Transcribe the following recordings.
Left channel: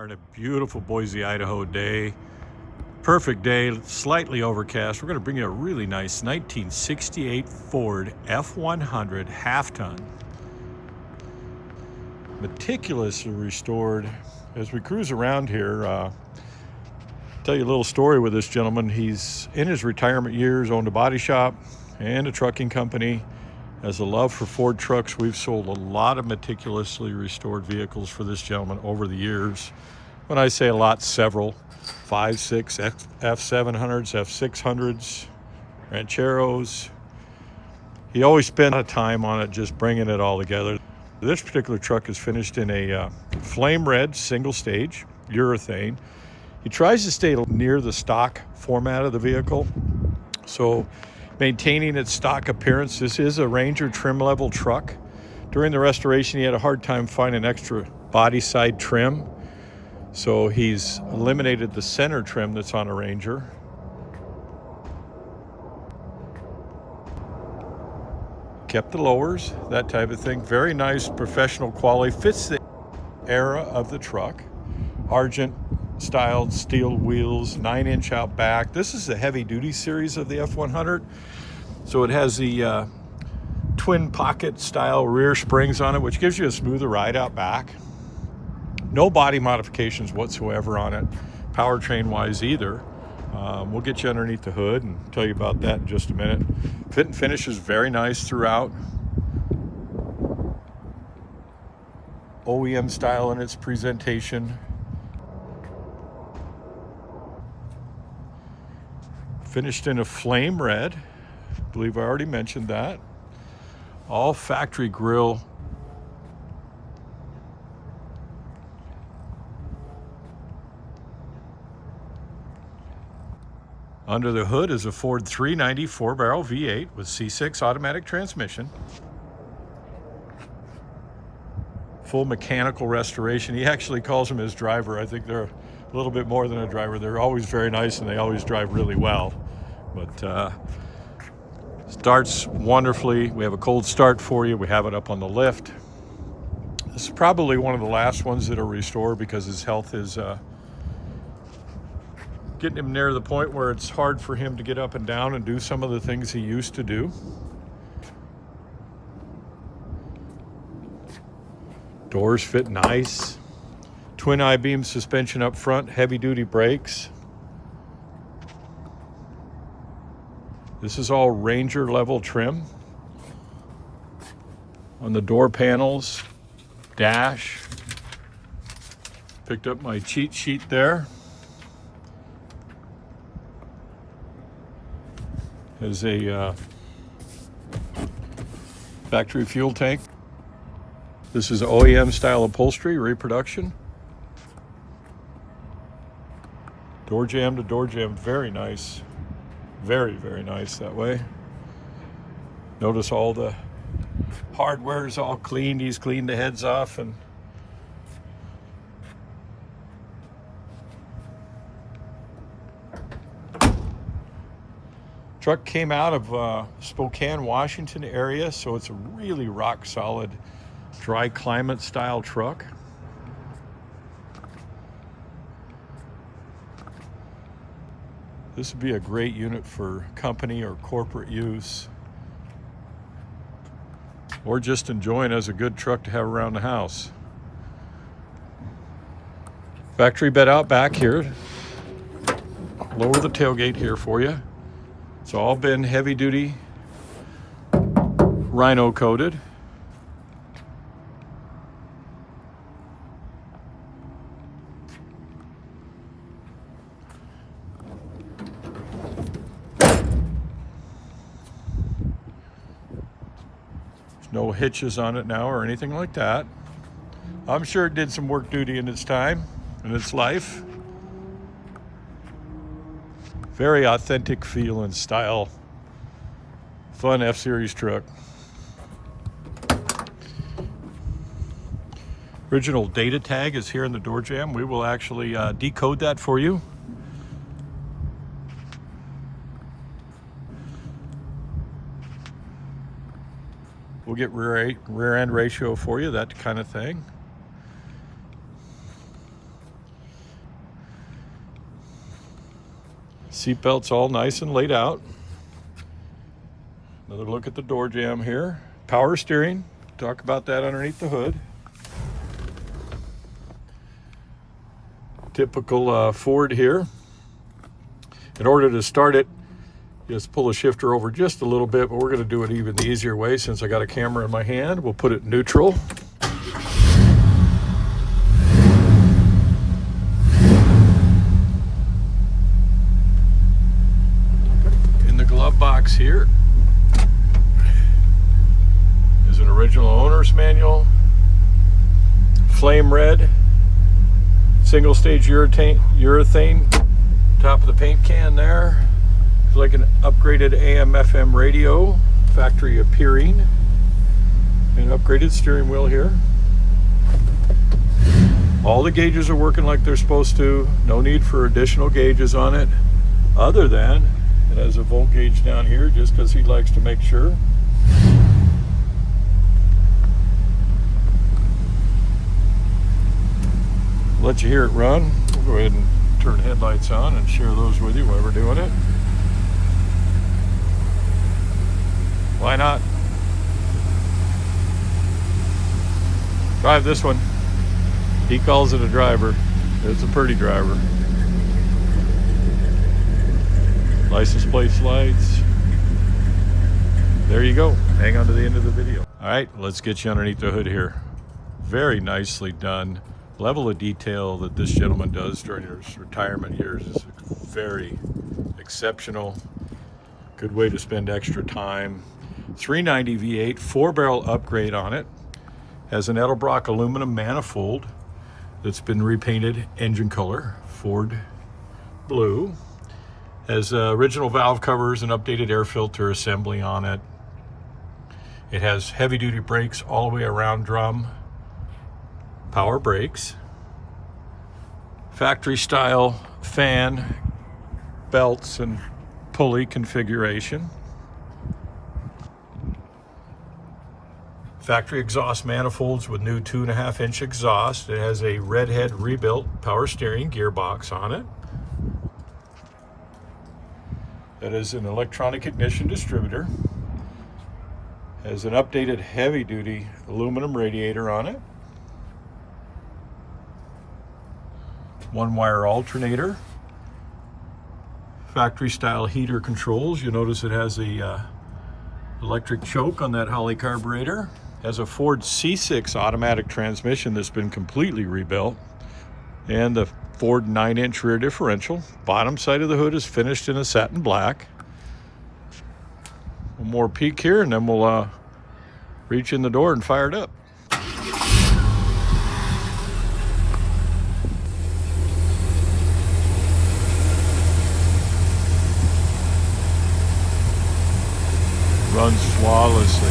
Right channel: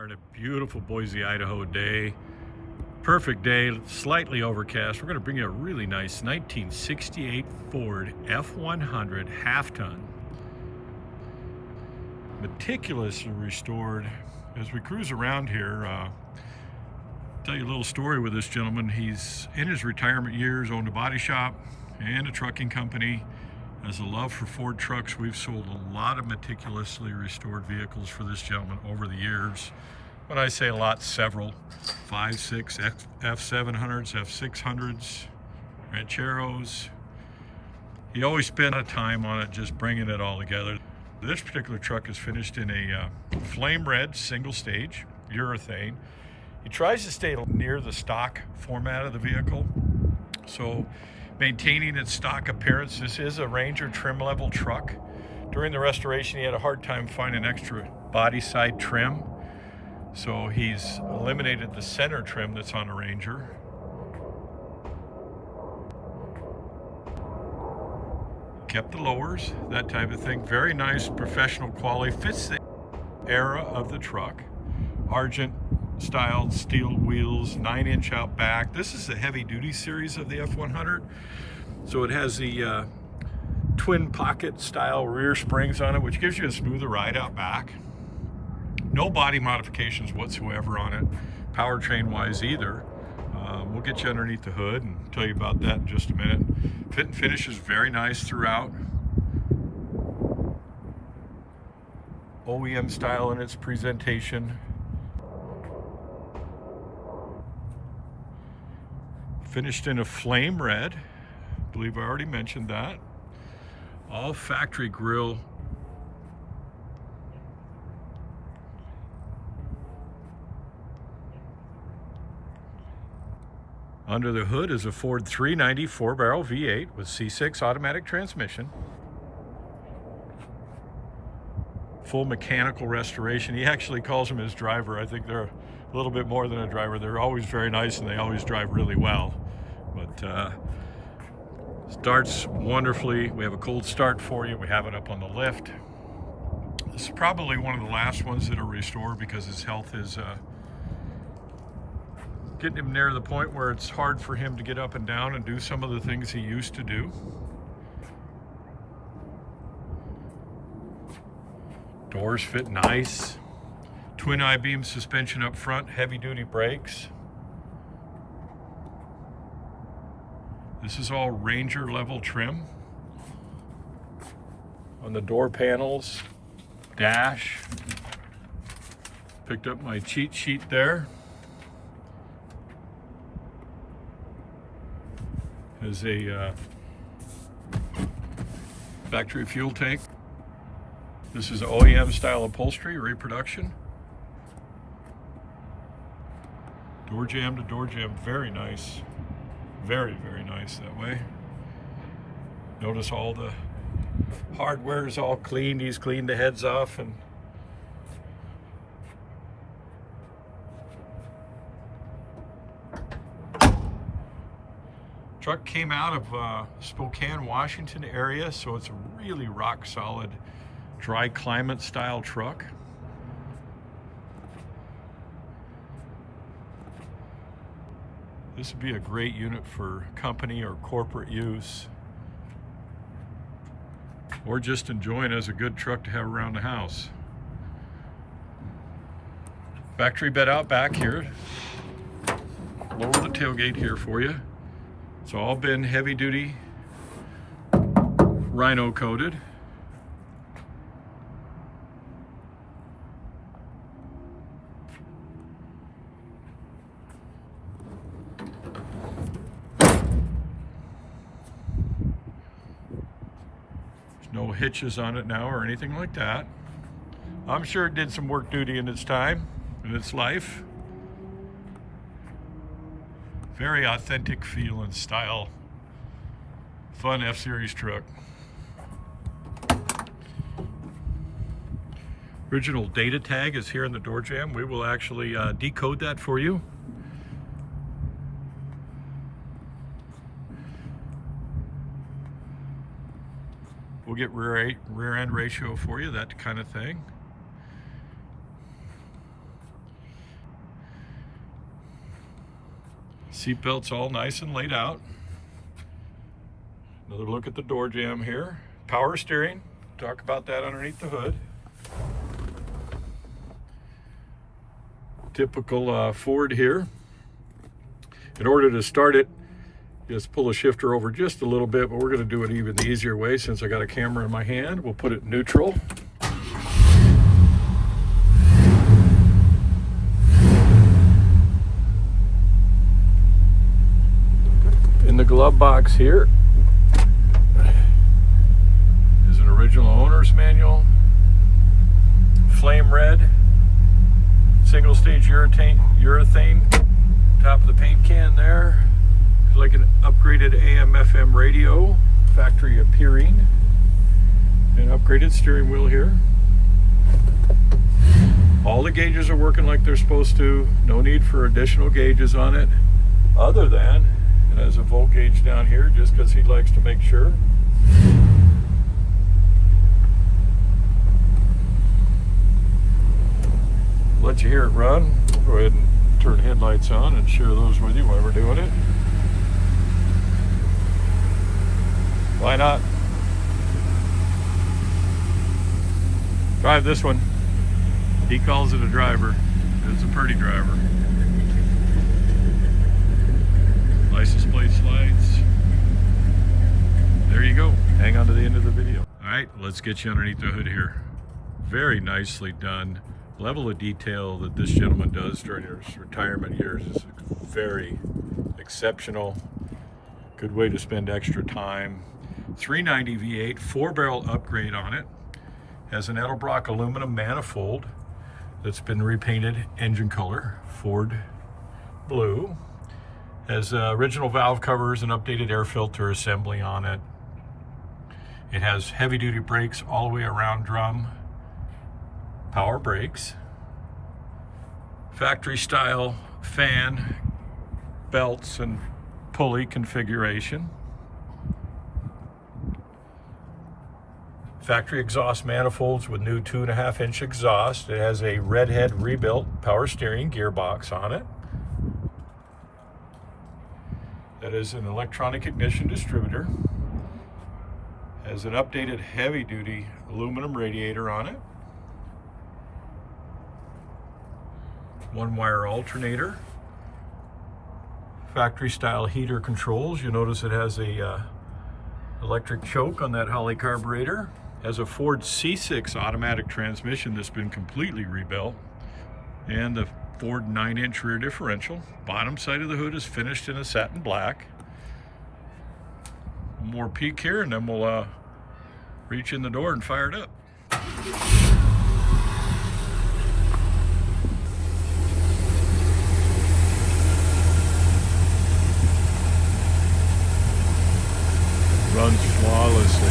are on a beautiful Boise, Idaho day. Perfect day, slightly overcast. We're going to bring you a really nice 1968 Ford F-100 half-ton. Meticulously restored. As we cruise around here, tell you a little story with this gentleman. He's in his retirement years, owned a body shop and a trucking company. Has a love for Ford trucks. We've sold a lot of meticulously restored vehicles for this gentleman over the years. When I say a lot, several. 5, 6 F-700s, F-600s, Rancheros. He always spent a lot of time on it, just bringing it all together. This particular truck is finished in a flame red single stage urethane. He tries to stay near the stock format of the vehicle, so maintaining its stock appearance. This is a Ranger trim level truck. During the restoration, he had a hard time finding extra body side trim, so he's eliminated the center trim that's on a Ranger. Kept the lowers, that type of thing. Very nice professional quality. Fits the era of the truck. Argent styled steel wheels, 9-inch out back. This is the heavy duty series of the F-100. So it has the twin pocket style rear springs on it, which gives you a smoother ride out back. No body modifications whatsoever on it, powertrain wise either. We'll get you underneath the hood and tell you about that in just a minute. Fit and finish is very nice throughout. OEM style in its presentation. Finished in a flame red. I believe I already mentioned that. All factory grille. Under the hood is a Ford 390 4-barrel V8 with C6 automatic transmission. Full mechanical restoration. He actually calls him his driver. I think they're a little bit more than a driver. They're always very nice and they always drive really well. But starts wonderfully. We have a cold start for you. We have it up on the lift. This is probably one of the last ones that are restored because his health is getting him near the point where it's hard for him to get up and down and do some of the things he used to do. Doors fit nice. Twin I-beam suspension up front, heavy duty brakes. This is all Ranger level trim. On the door panels, dash. Picked up my cheat sheet there. Has a factory fuel tank. This is OEM-style upholstery, reproduction. Door jamb to door jamb, very nice. Very, very nice that way. Notice all the hardware is all cleaned. He's cleaned the heads off and truck came out of Spokane, Washington area, so it's a really rock solid dry climate style truck. This would be a great unit for company or corporate use, or just enjoying as a good truck to have around the house. Factory bed out back here. Lower the tailgate here for you. It's all been heavy duty Rhino coated. No hitches on it now or anything like that. I'm sure it did some work duty in its time, in its life. Very authentic feel and style. Fun F-Series truck. Original data tag is here in the door jamb. We will actually decode that for you. We'll get rear end ratio for you, that kind of thing. Seat belts all nice and laid out. Another look at the door jamb here. Power steering, talk about that underneath the hood. Typical Ford here. In order to start it, just pull the shifter over just a little bit, but we're going to do it even the easier way since I got a camera in my hand. We'll put it neutral. In the glove box here is an original owner's manual, flame red, single stage urethane, top of the paint can there. It's like an upgraded AM/FM radio, factory appearing, and upgraded steering wheel here. All the gauges are working like they're supposed to. No need for additional gauges on it, other than it has a volt gauge down here just because he likes to make sure. Let you hear it run. We'll go ahead and turn headlights on and share those with you while we're doing it. Why not? Drive this one. He calls it a driver. It's a pretty driver. License plates, lights. There you go. Hang on to the end of the video. All right, let's get you underneath the hood here. Very nicely done. Level of detail that this gentleman does during his retirement years is very exceptional. Good way to spend extra time. 390 V8, 4-barrel upgrade on it. Has an Edelbrock aluminum manifold that's been repainted engine color, Ford blue. Has original valve covers and updated air filter assembly on it. It has heavy duty brakes all the way around drum. Power brakes. Factory style fan, belts and pulley configuration. Factory exhaust manifolds with new 2.5-inch exhaust. It has a redhead rebuilt power steering gearbox on it. That is an electronic ignition distributor. Has an updated heavy duty aluminum radiator on it. 1-wire alternator. Factory style heater controls. You notice it has a electric choke on that Holley carburetor. Has a Ford C6 automatic transmission that's been completely rebuilt. And the Ford 9-inch rear differential. Bottom side of the hood is finished in a satin black. One more peek here and then we'll reach in the door and fire it up. Runs flawlessly.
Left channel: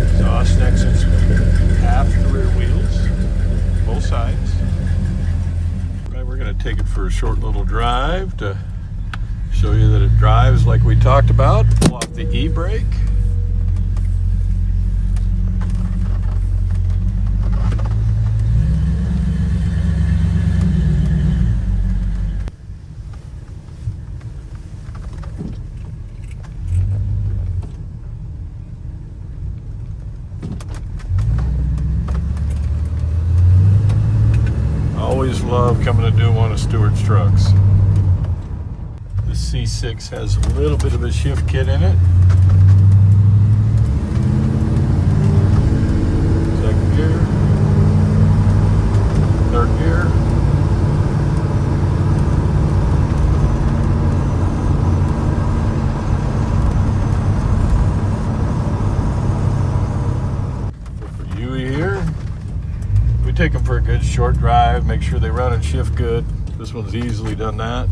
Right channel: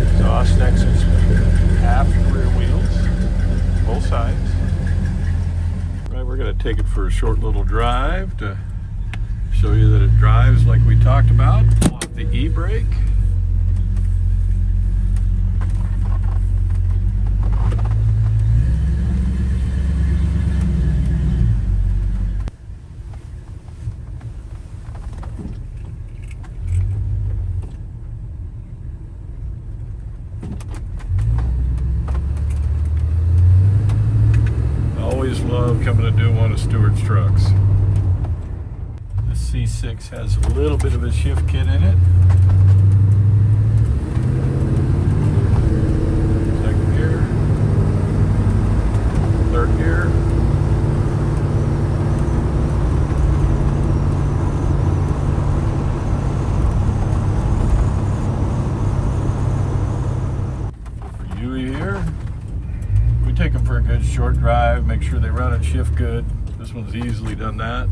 Exhaust exits aft rear wheels, both sides. Right, we're going to take it for a short little drive to show you that it drives like we talked about. Pull off the e-brake. Love coming to do one of Stewart's trucks. The C6 has a little bit of a shift kit in it. Second gear, third gear. For you here, we take them for a good short drive, make sure they run and shift good. This one's easily done that.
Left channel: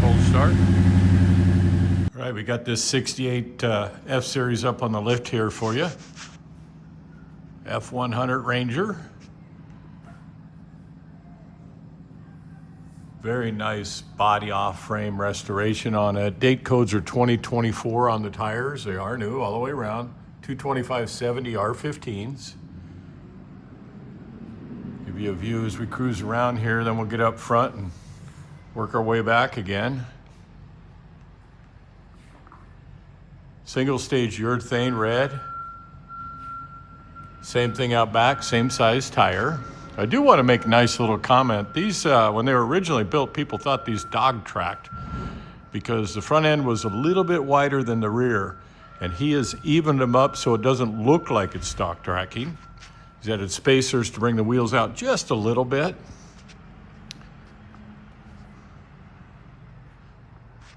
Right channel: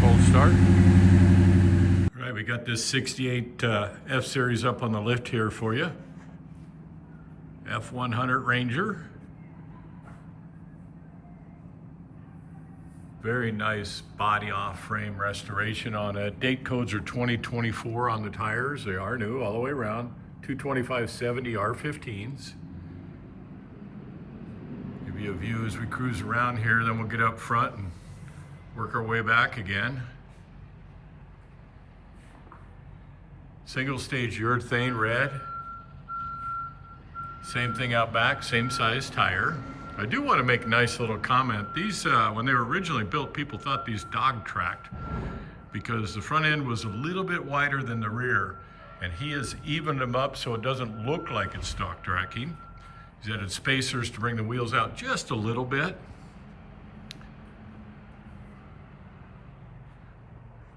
Cold start. All right, we got this 68 F-Series up on the lift here for you. F-100 Ranger. Very nice body off frame restoration on it. Date codes are 2024 on the tires. They are new all the way around. 225/70 R15s. Give you a view as we cruise around here, then we'll get up front and work our way back again. Single stage urethane red. Same thing out back, same size tire. I do want to make a nice little comment. These, when they were originally built, people thought these dog tracked because the front end was a little bit wider than the rear, and he has evened them up so it doesn't look like it's stock tracking. He's added spacers to bring the wheels out just a little bit.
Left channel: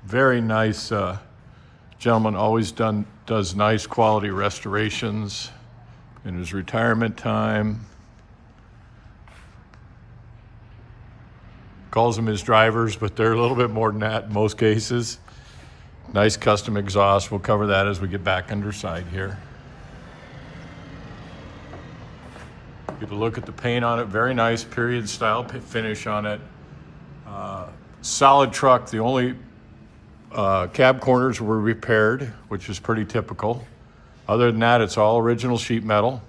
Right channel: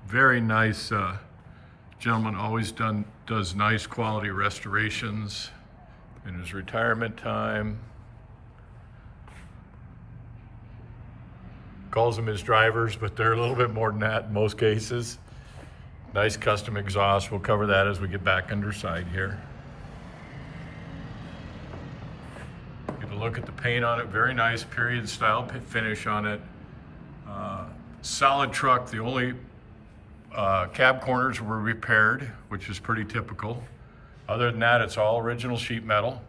Very nice gentleman, always does nice quality restorations in his retirement time. Calls them his drivers, but they're a little bit more than that in most cases. Nice custom exhaust. We'll cover that as we get back underside here. Give a look at the paint on it. Very nice period style finish on it. Solid truck. The only cab corners were repaired, which is pretty typical. Other than that, it's all original sheet metal.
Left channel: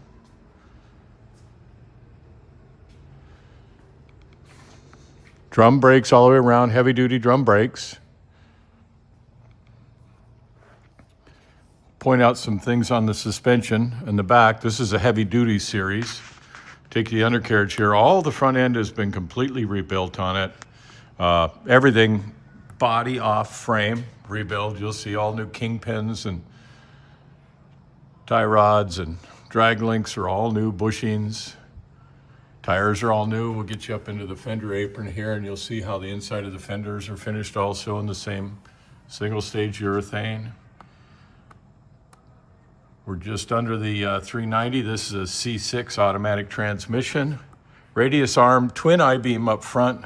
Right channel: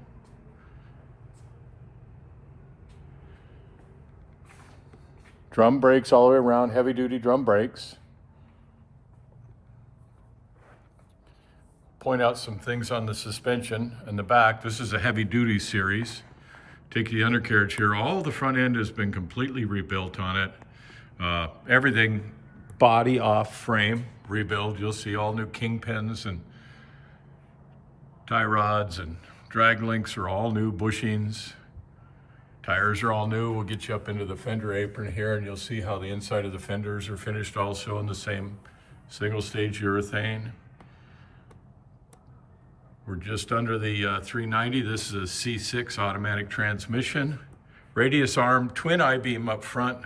Drum brakes all the way around, heavy duty drum brakes. Point out some things on the suspension in the back. This is a heavy duty series. Take the undercarriage here. All the front end has been completely rebuilt on it. Everything body off frame rebuild. You'll see all new kingpins and tie rods and drag links are all new, bushings. Tires are all new. We'll get you up into the fender apron here and you'll see how the inside of the fenders are finished also in the same single stage urethane. We're just under the 390. This is a C6 automatic transmission. Radius arm, twin I-beam up front.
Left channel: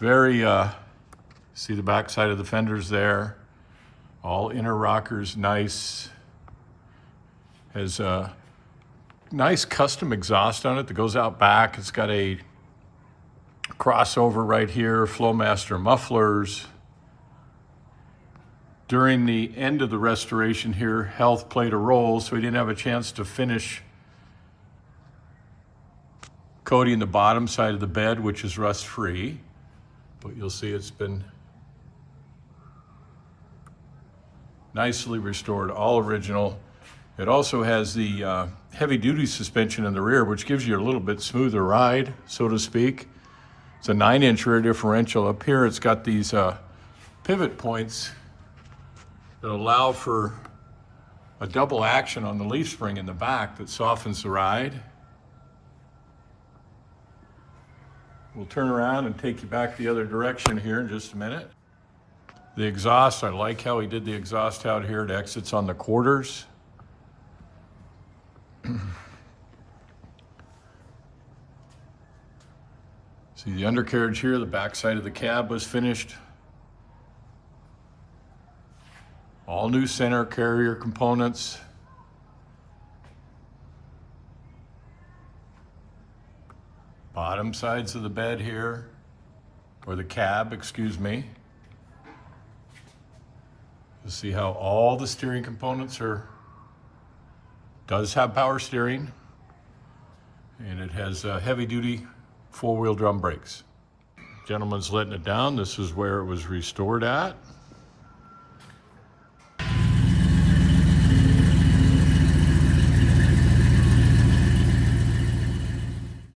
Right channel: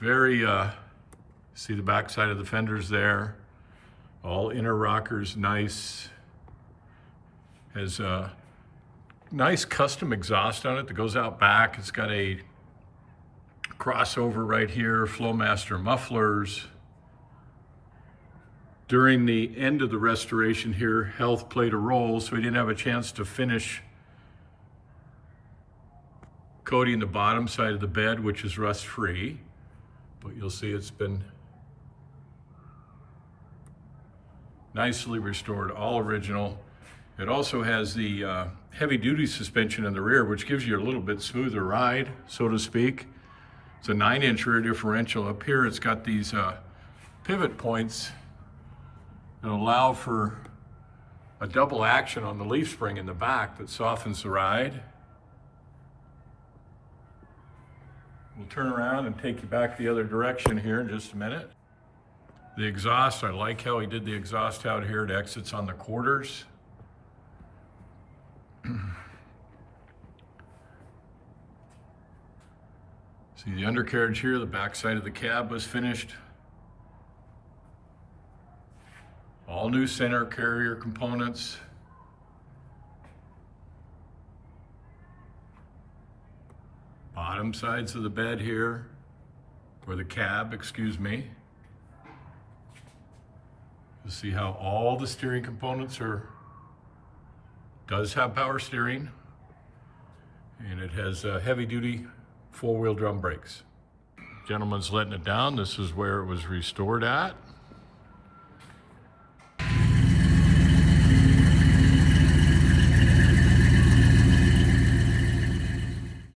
Very, see the back side of the fenders there. All inner rockers, nice. Has a nice custom exhaust on it that goes out back. It's got a crossover right here, Flowmaster mufflers. During the end of the restoration here, health played a role, so we didn't have a chance to finish coating the bottom side of the bed, which is rust-free. But you'll see it's been nicely restored, all original. It also has the heavy-duty suspension in the rear, which gives you a little bit smoother ride, so to speak. It's a 9-inch rear differential. Up here, it's got these pivot points that allow for a double action on the leaf spring in the back that softens the ride. We'll turn around and take you back the other direction here in just a minute. The exhaust, I like how he did the exhaust out here. It exits on the quarters. See the undercarriage here, the back side of the cab was finished. All new center carrier components. Bottom sides of the bed here, or the cab, excuse me. You'll see how all the steering components does have power steering, and it has heavy duty 4-wheel drum brakes. Gentleman's letting it down. This is where it was restored at.